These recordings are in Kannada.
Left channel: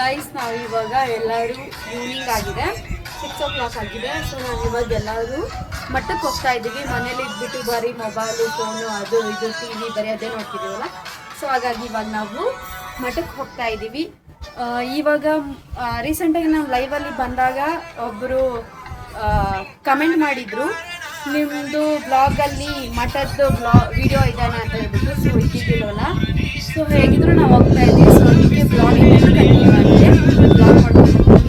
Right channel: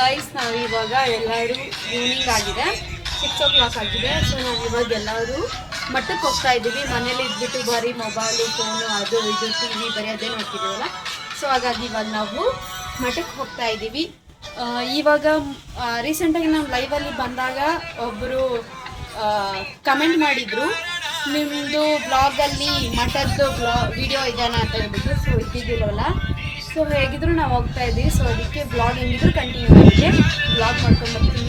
ಗೈಸ್ ನಾವು ಇವಾಗ ಎಲ್ಲರೂ ಈವ್ನಿಂಗ್ ಆಗಿದೆ 6 o'clock ಆಗಿದೆ. ಸೊ ನಾವು ಇವಾಗ ಎಲ್ಲರೂ ಮಠಕ್ಕೆ ಹೋಗ್ತಾ ಇದ್ದೀವಿ. ಮನೇಲಿ ಇದ್ಬಿಟ್ಟು ಬರೀ ಮೊಬೈಲು ಫೋನು ಅದು ಇದು TV ಬರೀ ಅದೇ ನೋಡ್ತಿದ್ದೀವಲ್ಲ. ಸೊ ಹಾಗಾಗಿ ಇವಾಗ ನಾವು ಮಠಕ್ಕೆ ಹೋಗ್ತಾ ಇದ್ದೀವಿ. ಇವಾಗ ರೀಸೆಂಟಾಗಿ ನಾವು ಲೈವಲ್ಲಿ ಬಂದಾಗ ಒಬ್ಬರು ಕಮೆಂಟ್ ಮಾಡಿದರು, ನಿಮ್ಮದು ಬ್ಲಾಗಲ್ಲಿ ಮಠದ್ದು ವಿಡಿಯೋ ಇದ್ದಾನೆ ಅಂತ ಹೇಳ್ಬಿಟ್ಟು. ಸೊ ಇದ್ದಿದ್ದಿಲ್ಲವಲ್ಲ, ಸೊ ಹೇಗಿದ್ರು ನಾವು ಹೋಗ್ತಾ ಇದ್ದೀವಿ. ಸೊ ಅದಕ್ಕೆ ಬ್ಲಾಗ್ ಏನಿದ್ರು ಕಂಟಿನ್ಯೂ ಆಗಿದೆ. ಬ್ಲಾಗ್ ಮಾಡ್ಕೊಂಡು ನೋಡಿ.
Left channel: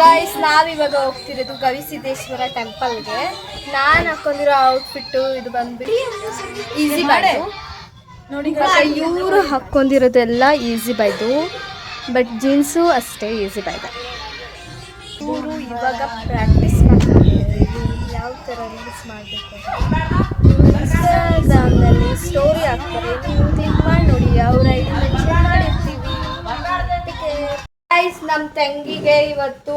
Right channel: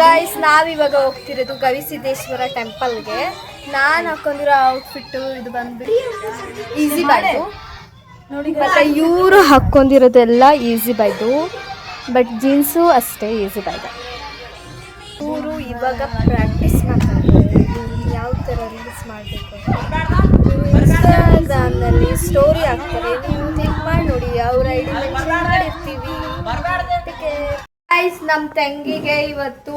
ಗೈಸ್, ನಾವಿವಾಗ ಹೋಗ್ತಿರೋದು ಗವಿಸಿದ್ದೇಶ್ವರ ಟೆಂಪಲ್ಗೆ. ನಾನು ಹಾಕೊಂಡಿರೋ ಔಟ್ಫಿಟ್ಟು ಇದು ಬಂದ್ಬಿಟ್ಟು ಈಸಿ ಬೈದು ನೋಡಿ. ಮತ್ತೆ ಇವರು ಹಾಕ್ಕೊಂಡಿರೋದೆಲ್ಲ ಈಸಿ ಬೈದು, ಬಟ್ ಜೀನ್ಸು ಅಷ್ಟೇ ಈಸಿ ಬೈದ. ಇವರು ಇವಾಗ ಪ್ರಾಕ್ಟೀಸ್ ಮಾಡ್ತಾರೆ ಯಾವ ಥರ ರೀಲ್ಸ್ ಮಾಡಬೇಕು ಅಂತ. ಇನ್ಸ್ಟಾಗ್ರಾಮ್ನಲ್ಲಿ ಸ್ಟೋರಿ ಹಾಕ್ತಾರೆ, ನೀವು ಕ್ಲಿಕ್ ಮಾಡಿ ನೋಡಿ. ಅವ್ರ ಐಡಿ ಮೆನ್ಷನ್ ಮಾಡಿರ್ತೀವಿ. ಗೈಸ್, ನಮ್ಮ ತಂಗಿಗೆ ಇವತ್ತು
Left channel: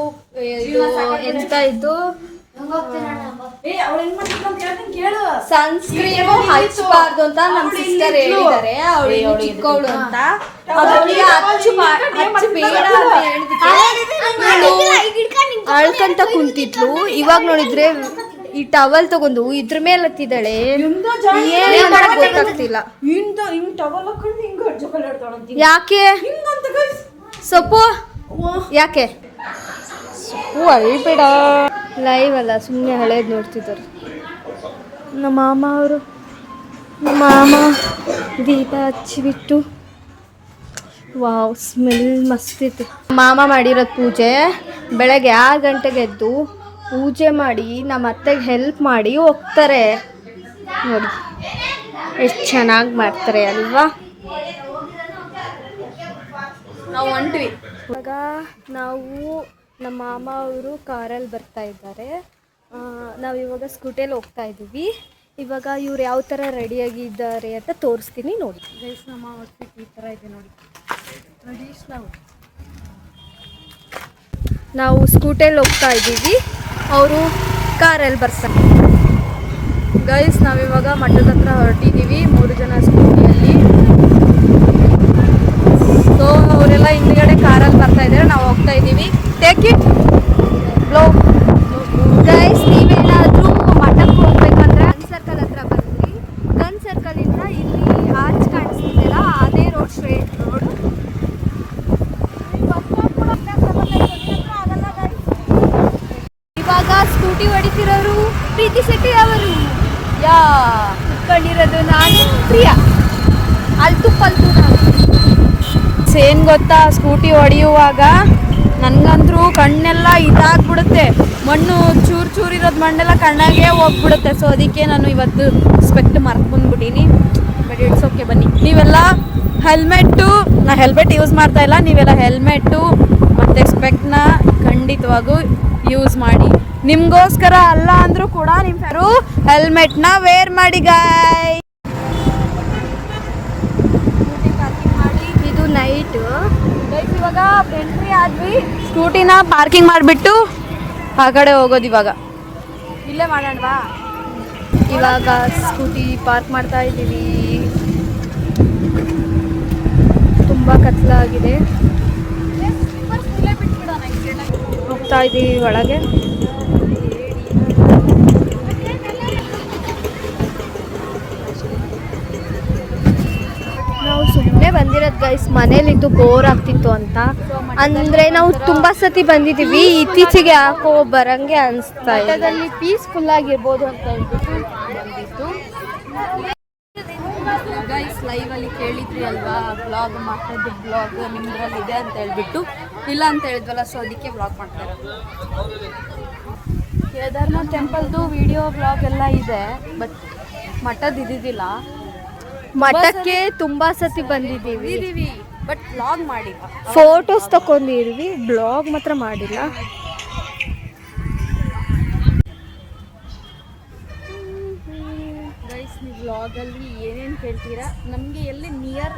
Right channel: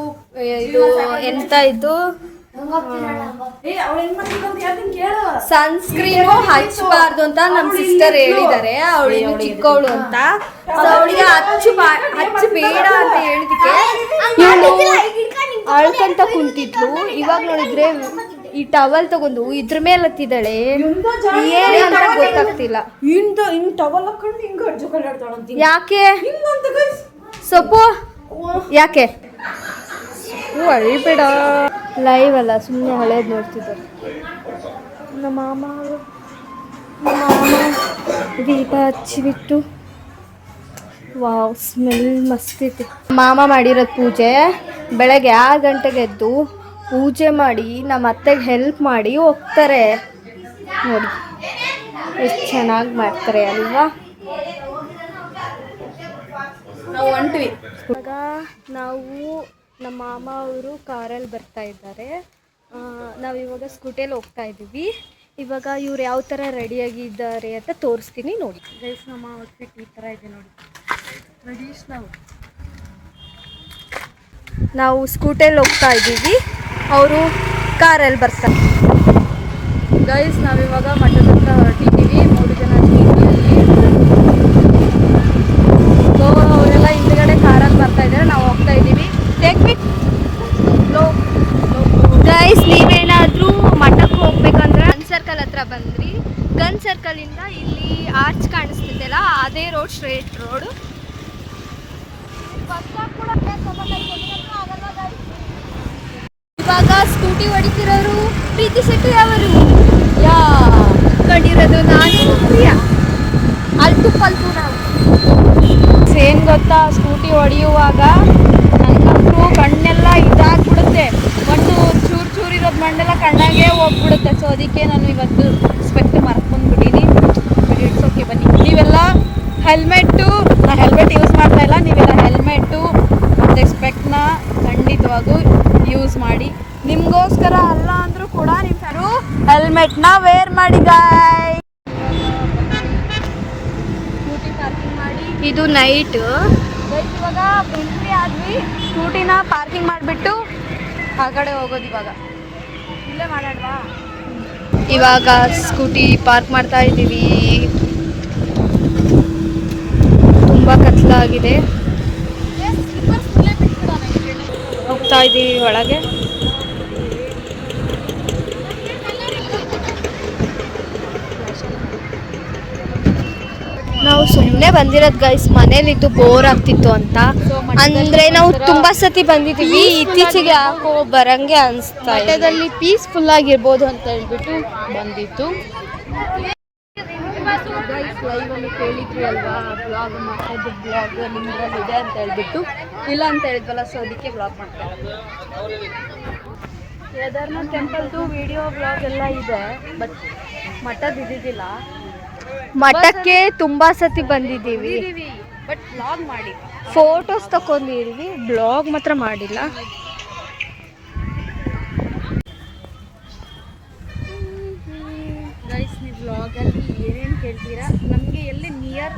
ಇದು ಎಂತ ಇದು ಸನ್ಸ್ಕ್ರೀನು ಹಚ್ಚಬಾರ್ದು ಅಂತ ನಮ್ಮ ಸಿಸ್ಟರ್ ಹೇಳಿದ್ದಾರೆ. ಅವಳಿಗೆ ಚಿಕ್ಕವಳು ಅಂತ, ಅವಳಿಗೆ ಹಚ್ಚಬೇಡ ಅಂತ ಹೇಳಿದಕ್ಕೆ ಇವಳು ಅಳ್ಕಂತ ಕುಂತಿದ್ಲು. ಇವಾಗ ನೋಡಿದ್ರೆ ಈ ಟವಲ್ ತಗೊಂಡು ಇದ್ರ ಮೇಲೆ ಹತ್ತಿದ್ದಾಳೆ. ಏನಂತ ಗೊತ್ತಾಗ್ತಿಲ್ಲ. ಯಾಕೆ ಸೊಪ್ಪು ಯಾಕೆ ಅಳ್ಬೇಡ. ಲೈವ್ ಅಲ್ಲ, ಸುಮ್ಮನೆ ಹಳೇದು ನೋಡ್ತಿದ್ದಾರೆ. ನಮ್ಮ ಮಾಮ ದೀಪ ಹಚ್ಚಿಬಿಟ್ಟು ವಾವ್ ಸ್ಮೆಲ್ ಮಸ್ತ್ ಐತೆ. ಮಾಮ ಮಾಡಿರೋದು ಪೂಜೆ ಬೆಳಗ್ಗೆ 6 ಗಂಟೆಗೆ ಎದ್ದು ಪೂಜೆ ಮಾಡಿ ನಮ್ಮ ಅತ್ತೆಗೆ ಹೆಲ್ಪ್ ಮಾಡಿ ಹೋಗ್ತಾರೆ. ನೋಡಿ ಎಷ್ಟು ಚೆನ್ನಾಗಿ ಮಾಡ್ತಾರೆ ಅಲ್ವಾ. ನಾವು ಹೊಂಟ್ವಿ. ಇವಾಗ ನಾವು ನಮ್ಮ ಮಾಮ ಅವರು ಕಾರಲ್ಲಿ ಬರ್ತಾ ಇದ್ದಾರೆ. ನಾವಿವಾಗ ಸ್ಕೂಟಿಯಲ್ಲಿ ಹೋಗ್ತಾ ಇದ್ದೀವಿ. ಇವಾಗ ಇವ್ರು ಯಾವ ಥರ ರೆಡಿಯಾಗಿದ್ದಾರೆ ಅಂತ ತೋರಿಸ್ತೀನಿ ನೋಡಿ. ಗೈಸ್, ನಮ್ಮ ಔಟ್ಫಿಟ್ ಈ ಥರ ಇದೆ ನೋಡಿ. ನಾವು ಸ್ಕೂಟಿಯಲ್ಲಿ ಹೋಗ್ತಾ ಇದ್ದೀವಿ, ಅವರು ಕಾರಲ್ಲಿ ಬರ್ತಾರೆ. ಗೈಸ್, ನಾವಿವಾಗ ಮಠದ ಹತ್ರ ಹೊರಟಿದ್ದೀವಿ 3 ಜನ ಸ್ಕೂಟಿಯಲ್ಲಿ. ಸೊ ಅವರೆಲ್ಲ ಹಿಂದ್ಗಡೆ ಕಾರಲ್ಲಿ ಬರ್ತಾ ಇದ್ದಾರೆ, ನಾವು ಹೋಗ್ತಾ ಇದ್ದೀವಿ. Take it flow. ಗೈಸ್, ನೀವೇನಾದರೂ ಮಠಕ್ಕೆ ಹೋಗ್ಬೇಕಂದ್ರೆ ಗನ್ ಸರ್ಕಲ್ ಹತ್ರ ಬಂದ್ರಿ. ಗನ್ ಸರ್ಕಲಿಂದ ಇಲ್ಲಿ ಆರ್ಚ್ ಕಾಣಿಸ್ತಿದ್ದೆಲ್ಲ ಅದೇ ರೋಡ್, ಸ್ಟ್ರೇಟ್ ರೋಡು. ಇವಾಗ ಸ್ಕೂಟಿ ಹೊಡಿತಿರೋರು ಪ್ರೀತಿ ಶೆಟ್ಟಿ ಅವರು. ಕಂಡಿರೋದು ನಾನು ಪ್ರಿಯಾ. ಅಲ್ತು ಪಲ್ತು ನಾವು. ಏನು ಗೊತ್ತಾ, ಸ್ಕೂಟಿ ಹೊಡೆಯುವಾಗ ನನಗಂತೂ ಕಣ್ಣೆಲ್ಲ ಇದಾಗ್ಬಿಡುತ್ತೆ. ಮಣ್ಣು ಚೂರಿರೋದು ಮಣ್ಣೆಲ್ಲ ಕಣ್ಣಾಗೆ ಹೋಗ್ಬಿಡುತ್ತೆ. ಸೊ ಅದಕ್ಕೆ ನಾನು ಇವತ್ತು ಸ್ಪೆಕ್ಟ್ ಮರ್ಕೊಂಡ್ಬಿಟ್ಟೀನಿ. But it's okay. ಬನ್ನಿ, ನೀವೆಲ್ಲ ನಾನು ಹೆಲ್ಮೆಟ್ ಯೂಸ್ ಮಾಡ್ತಾ ಇಲ್ಲ, ನೀವೆಲ್ಲ ಹೆಲ್ಮೆಟ್ಟು ಮತ್ತು ಸ್ಪೆಕ್ಟ್ನ ಖಂಡಿತವಾಗೂ ಯೂಸ್ ಮಾಡಿ. ನಿಮಗೋಸ್ಕರ ಅಲ್ಲ ಅಂದರೂ ಕೂಡ ನಿಮ್ಮ ಹೆಲ್ಮೆಟ್ನ ವೇರ್ ಮಾಡಿ ಗಾಯ್. ಇದು ನೈಟ್. ಇವಾಗ ಎಂಟ್ರಿ ಆದ್ವಿ, ಸ್ಕೂಟಿನ ಪಾರ್ಕಿಂಗ್ ಮಾಡಿಬಿಟ್ಟು ಆ ಕಡೆ ಹೋಗೋದು. ಇವಾಗ ಇಲ್ಲೇ ಮಾಡೋಣವಾ? ಇವಾಗ ಸ್ಕೂಟಿ ಪಾರ್ಕ್ ಮಾಡ್ತಾ ಇದ್ದೀವಿ. ತುಂಬ ಕತ್ಲಾಗಿದೆ. ಹೋಗ್ತಾ ಇದ್ದೀವಿ ಒಳಗೆ. ನಾವು ಸುಮ್ಮನೆ ಬಂದಿರೋದು ಗೈಸ್, ಮನೇಲಿದ್ದು ಬೋರ್ ಆಗ್ತಿತ್ತು ಅಂತ. ಅಂದರೆ ನಾವು ತುಂಬ ಸತಿ ಬಂದಿದ್ದೀವಿ, ಇತ್ತೀಚೆಗೆ ಯಾಕೋ ಬರಂಗೆ ಅನಿಸ್ತಾ ಇದೆ. ಮಠದಲ್ಲಿ ಪೀಸ್ಫುಲ್ ಆಗಿರ್ಬೋದು ಅಂತ ಹೇಳ್ಬಿಟ್ಟು ಬಂದಿತ್ತು. ಗೈಸ್, ಲೈವಲ್ಲಿ ಕೇಳಿದ್ರಿ ಅಲ್ವಾ, ಬ್ಲಾಗ್ ಮಾಡೋದು ಬ್ಲಾಗ್ ನಿಮ್ಮದ್ರಲ್ಲಿದೆ ಅಂತ ಹೇಳ್ಬಿಟ್ಟು. ಇಲ್ಲ ಅಂತ ಹೇಳಿದ್ವಲ್ಲ, ಸೊ ಅದಕ್ಕೆ ಬ್ಲಾಗ್ ಮಾಡ್ತಾರೆ. ಕೇದಾರ್ನಾಥ್ ಟೆಂಪಲ್ದು ವಿಡಿಯೋ ಬ್ಲಾಗ್ ಎಲ್ಲ ಇದೆ, ಬಟ್ ಮಠದ್ದು ಇದ್ದಿದ್ದಿಲ್ಲ. ಮಠಕ್ಕೆ ತುಂಬಾ ಸತಿ ಬಂದಿದ್ದೀವಿ, ಬಟ್ ಬ್ಲಾಗ್ ಮಾಡಿಲ್ಲ. ಫೋಟೋಸ್ ತಗೊಂಡಿದ್ವಿ, ಬ್ಲಾಗ್ ಮಾತ್ರ ಮಾಡಿಲ್ಲ. ವ್ಲಾಗಲ್ಲಿ ಏನೇನು ಕೇಳ್ತೀರಾ, ನಮಗೆ ಎಲ್ಲಿ ನಿಯರ್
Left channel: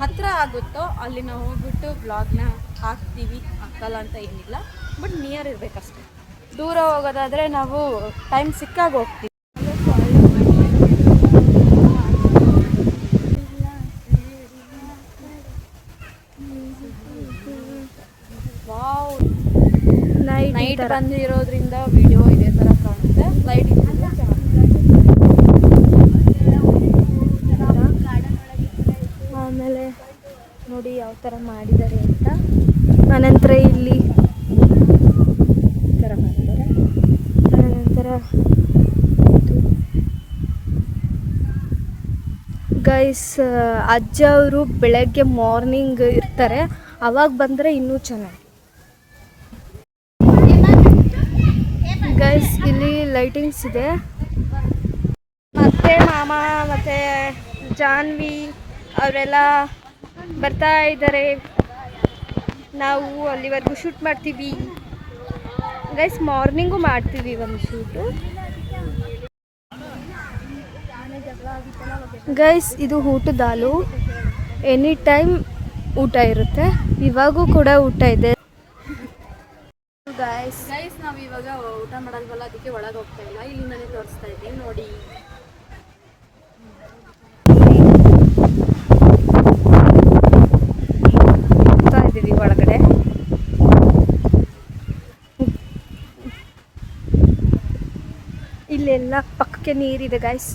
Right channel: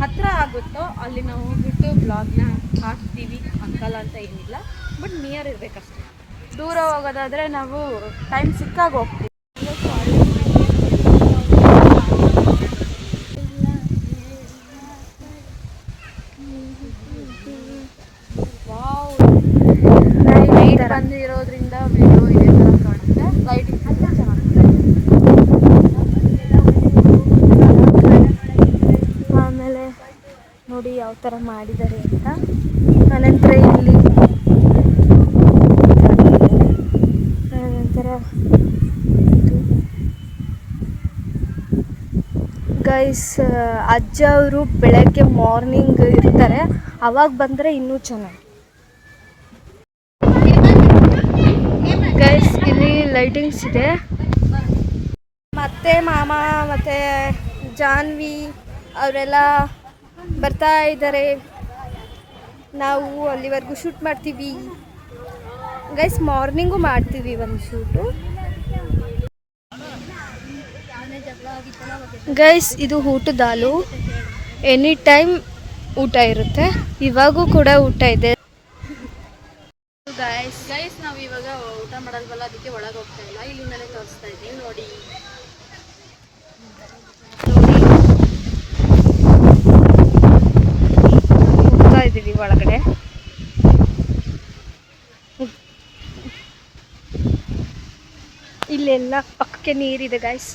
ಹತ್ತಿರ ಆಗುತ್ತೋ ಅಲ್ಲಿ ನಾವು ಹೋಗ್ಬಿಟ್ಟು ವ್ಲಾಗ್ನ ಹಾಕ್ತೀವಿ, ಹಾಕಲ್ಲ ಅಂತ ಏನಿಲ್ಲ, ಬಟ್ ನಿಯರ್ ಇರಬೇಕಷ್ಟೆ. ದೂರ ಹೋಗೋದಾದರೆ ನಾವು ಟೈಮ್ ಸಿಕ್ಕಾಗ ಹೋಗ್ತೀವಿ. ಲೈಟ್ ಬಂದಿರೋದ್ರಿಂದ ವಿಡಿಯೋ ಇದೇ ಥರ ಕಾಣುತ್ತೆ, ಲೈಟ್ ಇದ್ದರೆ ಚೆನ್ನಾಗುತ್ತೆ. ಆಮೇಲೆ ನೋಡಿ ಯಾವ ಥರ ಮಾಡಿದ್ದಾರೆ ಅಂತ. ಅನಂತರ ಇಲ್ಲಿ ಅನಂತರ ಗೈಸ್ ಅಜ್ಜ ಅವರು ಬೆಳಗ್ಗೆ ಮಾರ್ನಿಂಗ್ ಇರ್ತಾರೆ, ಅವಾಗ ಬಂದರೆ ಇನ್ನೂ ಚೆನ್ನಾಗಿ. ಗೈಸ್ ಇಲ್ಲಿ ಲೈಟಿಂಗ್ಸ್ ಇದೆ. ಮತ್ತೆ ಮಾಮ ಮತ್ತು ಜಾನ್ವಿ ಅವರೆಲ್ಲ ಬರ್ತಾ ಇದ್ದಾರೆ. ನಾವು ಅಲ್ಲಿವರೆಗೂ ಶೂಟ್ ಮಾಡ್ತೀವಿ ಗೈಸ್. ಮಾರ್ನಿಂಗು ಮಾಡ್ತೀವಿ ಒಂದು ಶೂಟು ಗೈಸ್. ಇದು ಊಟದ ಹಾಲು, ಎನಿ ಟೈಮ್ ಊಟ ಇರುತ್ತೆ. ಇವಾಗೂ ಕೂಡ ಊಟ ಇದೆ ಗೈಸ್. ನಾವು ಇವಾಗ ಊಟ ಮಾಡಲ್ವಲ್ಲ, ಅದಕ್ಕೆ ಒಳಗೆ ಹೋಗ್ತಾ ಇಲ್ಲ, ಇಲ್ಲಿಂದಲೇ ತೋರಿಸ್ತಾ ಇದ್ದೀನಿ ನೋಡಿ. ಹೋಗ್ತಾ ಇದ್ದೀವಿ ಒಳಗಡೆ. ಇಲ್ಲೆಲ್ಲ ಪಕ್ಕಕ್ಕೆ ನೀರಿದೆ ಗೈಸ್.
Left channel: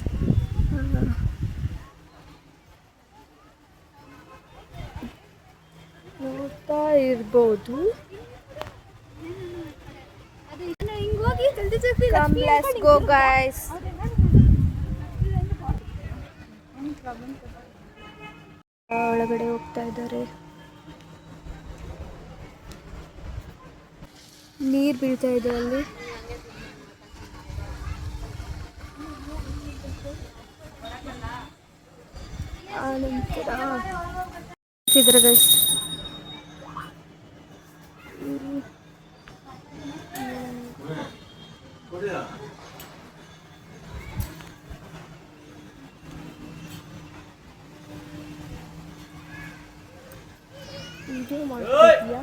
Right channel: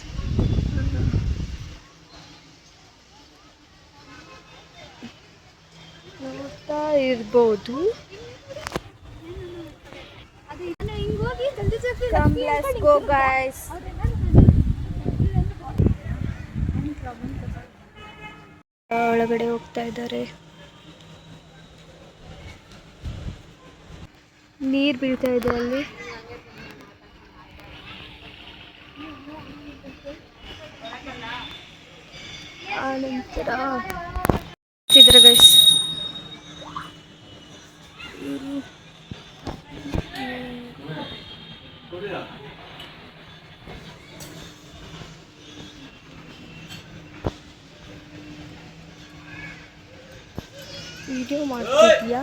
ನೋಡ್ತಾ ಇರ್ಬೋದು. Come, let's go guys. ಒಳಗಡೆ ಹೋಗ್ತಾ ಇದ್ದಾರೆ. ನೀರು ಬೀಳ್ತಾ ಇದೆ ಅಲ್ಲಿ. ಆನಂತರ ಇದ್ರೆ ಗೈಸ್ ವಿಡಿಯೋ ಮಾಡ್ತಿದ್ಯಾ?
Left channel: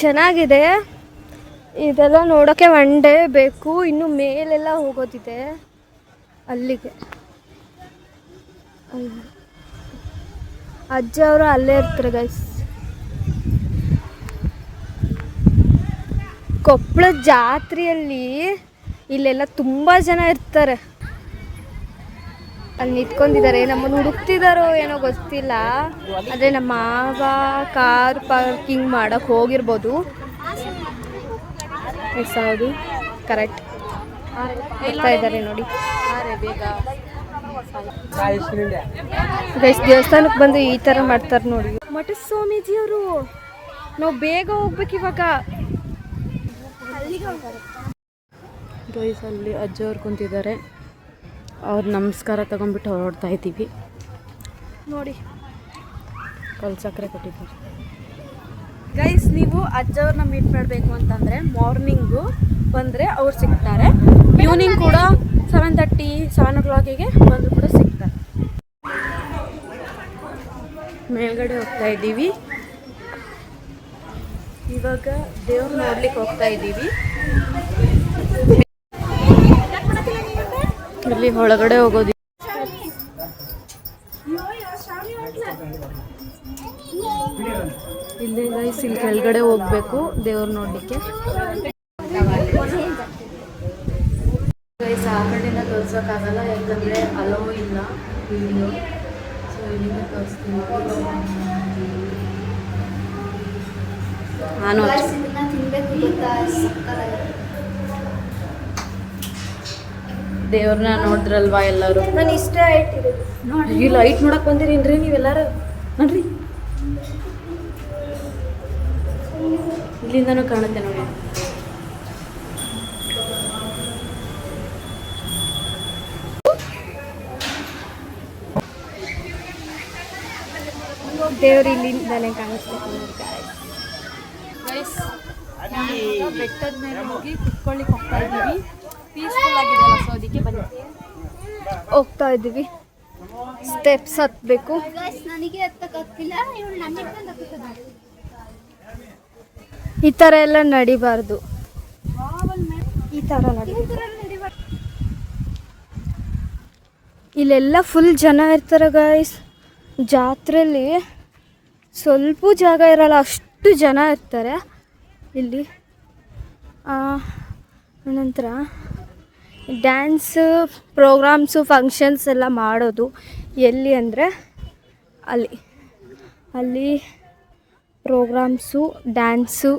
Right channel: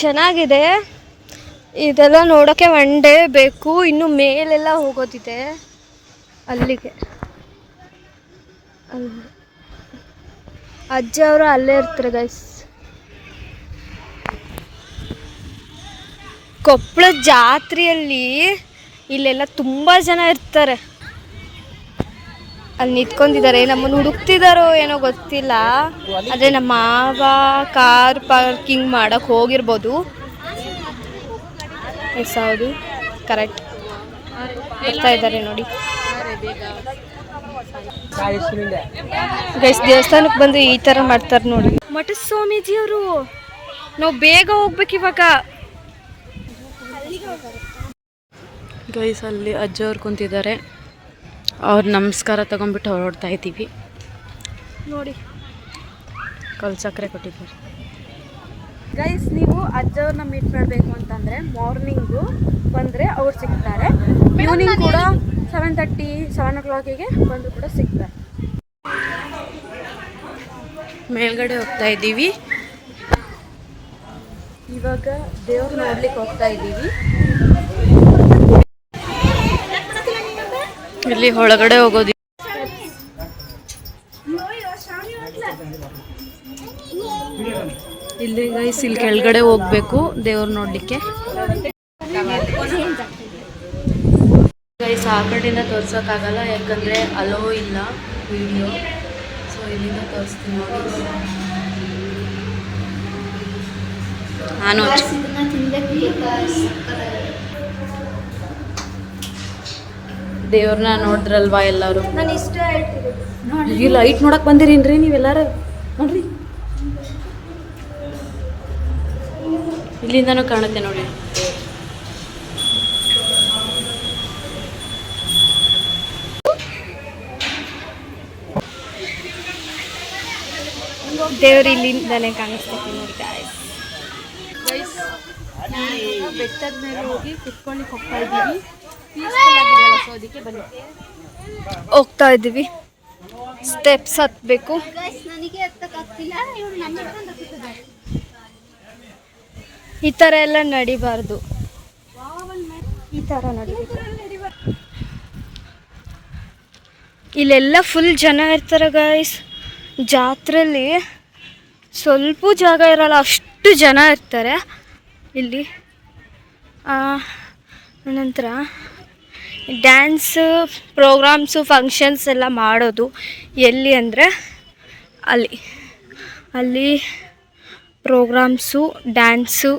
ಚೆನ್ನಾಗಿದೆ. ಇದೆಲ್ಲ ನೋಡೋಕ್ಕೆ ಒನ್ ಡೇ ಬೇಕು. ಇನ್ನು ಮೇಲೆಲ್ಲ ಹೋಗೋದಿದೆ ಅಲ್ಲಿಗೆ. ಅಲ್ಲಿ ಅಜ್ಜ ಅವರು ಅಲ್ಲೇ ಇರ್ತಾರೆ ಗೈಸ್. ಕೊಪ್ಪಳ ಜಾತ್ರೆಯಲ್ಲಿ ಇಲ್ಲೆಲ್ಲ ತುಂಬ ಜನ ಇರ್ತಾರೆ. ಅಲ್ಲಿ ನಿಂತ್ಕೊಂಡಿದ್ದಾರೆ, ನಮ್ಮನ್ನು ಹುಡುಕ್ತಿದ್ದಾರೋ ಏನೋ ಗೊತ್ತಿಲ್ಲ. ಅದೇ ನಮ್ಮ ಮಾವ ಕಾರ್ ಪಾರ್ಕಿಂಗ್ ಮಾಡೋಕ್ಕೆ ಹೋಗಿರ್ಬೋದು. ಎಸ್ ಹೌದು, ಕರೆಕ್ಟ್. ಬರ್ತಾ ಇದ್ದಾರೆ ನೋಡಿ ಗೈಸ್. ದೇವಸ್ಥಾನಕ್ಕೆ ಬಂದು ಈ ಥರ ಮಾಡ್ತಾರೆ ನೋಡಿ ಮಠ ಸ್ವಾಮೀಜಿಯವರು. ನಾವು ಬೇಗ ಹೋಗ್ಬೇಕು ಇವಾಗ ಗೈಸ್. ಅಲ್ಲಿ ಅಜ್ಜವ್ರು ಕುಂತಿದ್ದಾರೆ, ಅವ್ರು ನಮಸ್ಕಾರ ತಗೊಂಡ್ಬಿಟ್ಟು ಹೊರಡ್ತಾ ಇದ್ದೀವಿ ನೋಡಿ. ಕಲ್ಲು ಸಕ್ಕರೆ ಕೊಟ್ಟಿದ್ದಾರೆ ಗೈಸ್. ನೀವು ಅಜ್ಜವ್ರನ್ನ ಮೀಟ್ ಮಾಡಬೇಕು ಅಂತಂದರೆ ಮಾರ್ನಿಂಗು ಬಂದರೆ ಅವ್ರು ಸಿಗ್ತಾರೆ. ಈವ್ನಿಂಗ್ ಕೂಡ 7:30 7 o'clock ಬಂದರೂ ಕೂಡ ಸಿಗ್ತಾರೆ. ಮೇಲ್ಗಡೆ ಹೋಗ್ತಾ ಇದ್ದೀವಿ ಇವಾಗ. ದೇವ್ರು ನೋಡ್ಲಿಕ್ಕೆ ಹೋಗ್ತಾ ಇದ್ದೀವಿ. ಇಲ್ಲಿ ಒಳಗಡೆ ಹೋಗೋದು ಇಲ್ಲಿ ಗೈಸ್. ಇಲ್ಲಿ ಕೆಳಗಡೆ ಹೋಗ್ಬೇಕು ದೇವ್ರು ನೋಡ್ಲಿಕ್ಕೆ ಗೈಸ್. ಆ ಕಡೆಯಿಂದ ತೋರ್ಸೋಕ್ಕಾಗಲ್ಲ, ಯಾಕಂದರೆ ಅಲೋ ಇಲ್ಲ ವಿಡಿಯೋ. ಸೊ ಇಲ್ಲಿಂದ ತೋರಿಸ್ತೀನಿ ನೋಡಿ. ನಾನು ದೇವ್ರನ್ನ ನೋಡಿದ್ರಲ್ವಾ ಎಲ್ಲರೂ. ನಾನು ಇಷ್ಟ ಈ ಲೈಟ್ ನೋಡಕ್ ಬಂದಿರೇನ್ರಿ ನೀವೆಲ್ಲರೂ? ನೋಡ್ರಿ, ಇಲ್ಲಿಂದನೂ ಕಾಣುತ್ತೆ ನೋಡಿ. ದೇವ್ರು ಇಲ್ಲಿಂದನೇ ಕಾಣಿಸ್ತೈತೆ ನೋಡಿ ಗಾಯ್ಸ್. ಬೆಟ್ಟದ ಮೇಲೆ ಹೋಗಿ ಕುತ್ಕೊಳ್ಳಿಕ್ಕೆ ಹೋಗ್ತಾ ಇದ್ದೀವಿ. ಪೀಸ್ಫುಲ್ ಆಗಿದೆ ಅಲ್ಲ, ಸೊ ಅದಕ್ಕೆ ಬನ್ನಿ. ಹೋಗ್ತಾ ಇದ್ದೀವಿ, ಸ್ಟೆಪ್ಸ್ ಹತ್ತಬೇಕು. ನನಗೆ ಹತ್ತಕ್ಕಾಗ್ತಿಲ್ಲ, ಇವಳು ನನ್ನ ಈ ಥರ ಎಲ್ಲ ನಡಿಬಾರ್ದು, ಈ ಥರ ನಡಿಬೇಕು. ಇಲ್ಲೆಲ್ಲ ಫುಲ್ ಜನ ಇರ್ತಾರೆ ಗೈಸ್. ಜಾತ್ರೆಯಲ್ಲಿ ಸ್ವಲ್ಪ ಜಾಗ ಇರಲ್ಲ, ಅಷ್ಟು ಜನ ಇರ್ತಾರೆ ಇಲ್ಲಿ. ನಂತರ ಡ್ಯಾನ್ಸು ಪ್ರೋಗ್ರಾಮ್ಸು ಫಂಕ್ಷನ್ಸ್ ಎಲ್ಲ ಮಾಡೋದು ಎಲ್ಲಿ ಅಂದರೆ ಅಲ್ಲಿ ಪ್ರೋಗ್ರಾಮ್ಸು ಡ್ಯಾನ್ಸು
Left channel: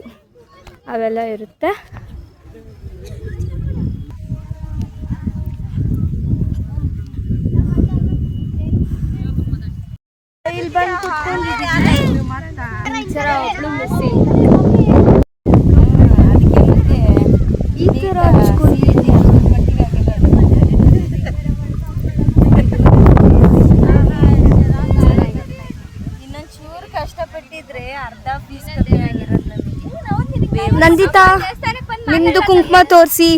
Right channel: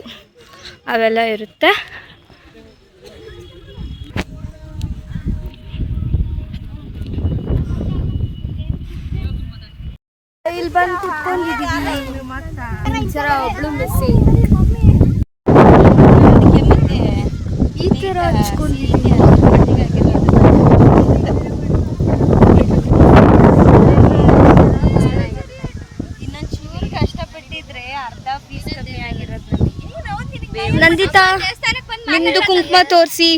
ಅವೆಲ್ಲ ಇರುತ್ತೆ. ಇಲ್ಲಿ ಬಂದು ಕುತ್ಕೊಂಡಿದ್ದೀವಿ. ಒಬ್ಳು ಮಿಸ್ಸಿಂಗ್ ಈ ಥರ ಹಚ್ಕೊಂಡಿದ್ದೀನಿ. ಇನ್ನೊಂಚೂರು ಕಷ್ಟಪಟ್ಟಿದ್ರೆ ಅರ್ಧ ಫೀಸ್ ಕಮ್ಮಿ ಆಗಿರೋದು. ನಂದಿತಾ, ನಿಮ್ಮದು ಕುಂಕುಮ ತೋರಿಸಿ,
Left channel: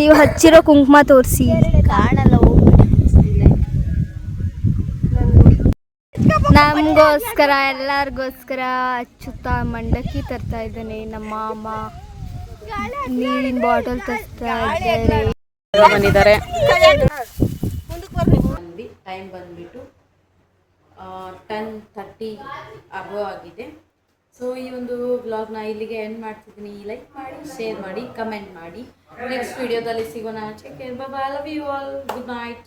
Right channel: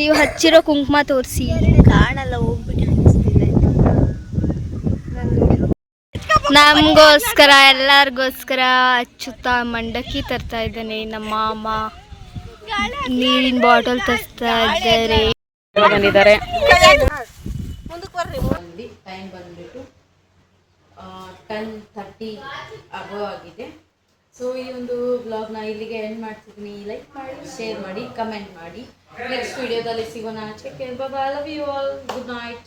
ನೀವು ಹಚ್ಚಿರೋ ಕುಂಕುಮ ತೋರಿಸಿ. ಕಾಣಲ್ಲ, ನಮಗೋಸ್ಕರ ಎಲ್ಲರಿಗೋಸ್ಕರ ಅಚ್ಚುತ್ತ ಮಂಡಕ್ಕಿ ತರ್ತಾ ಇದ್ದಾನೆ ನಮ್ಮ ಮಾಮ. ನೀರಿನ ಬಾಟಲ್ ತರ್ತಾ ಇದ್ದಾರೆ. ಬಂದಿದ್ದಾರೆ. ಟೈಮ್ ಬಂದ್ಬಿಟ್ಟು 10:30 ಆಗಿದೆ. ಸೊ ಈ ಒಂದು ವ್ಲಾಗ್ನ ಇಲ್ಲಿಗೆ ಎಂಡ್ ಮಾಡ್ತಿದ್ದೀನಿ. ಲೈಕ್ ಮಾಡಿ, ಶೇರ್ ಮಾಡಿ, ಕಮೆಂಟ್ ಮಾಡಿ. ನೆಕ್ಸ್ಟ್ ವಿಡಿಯೋದಲ್ಲಿ ಸಿಗೋಣ. Take care, bye bye, love you all, good night.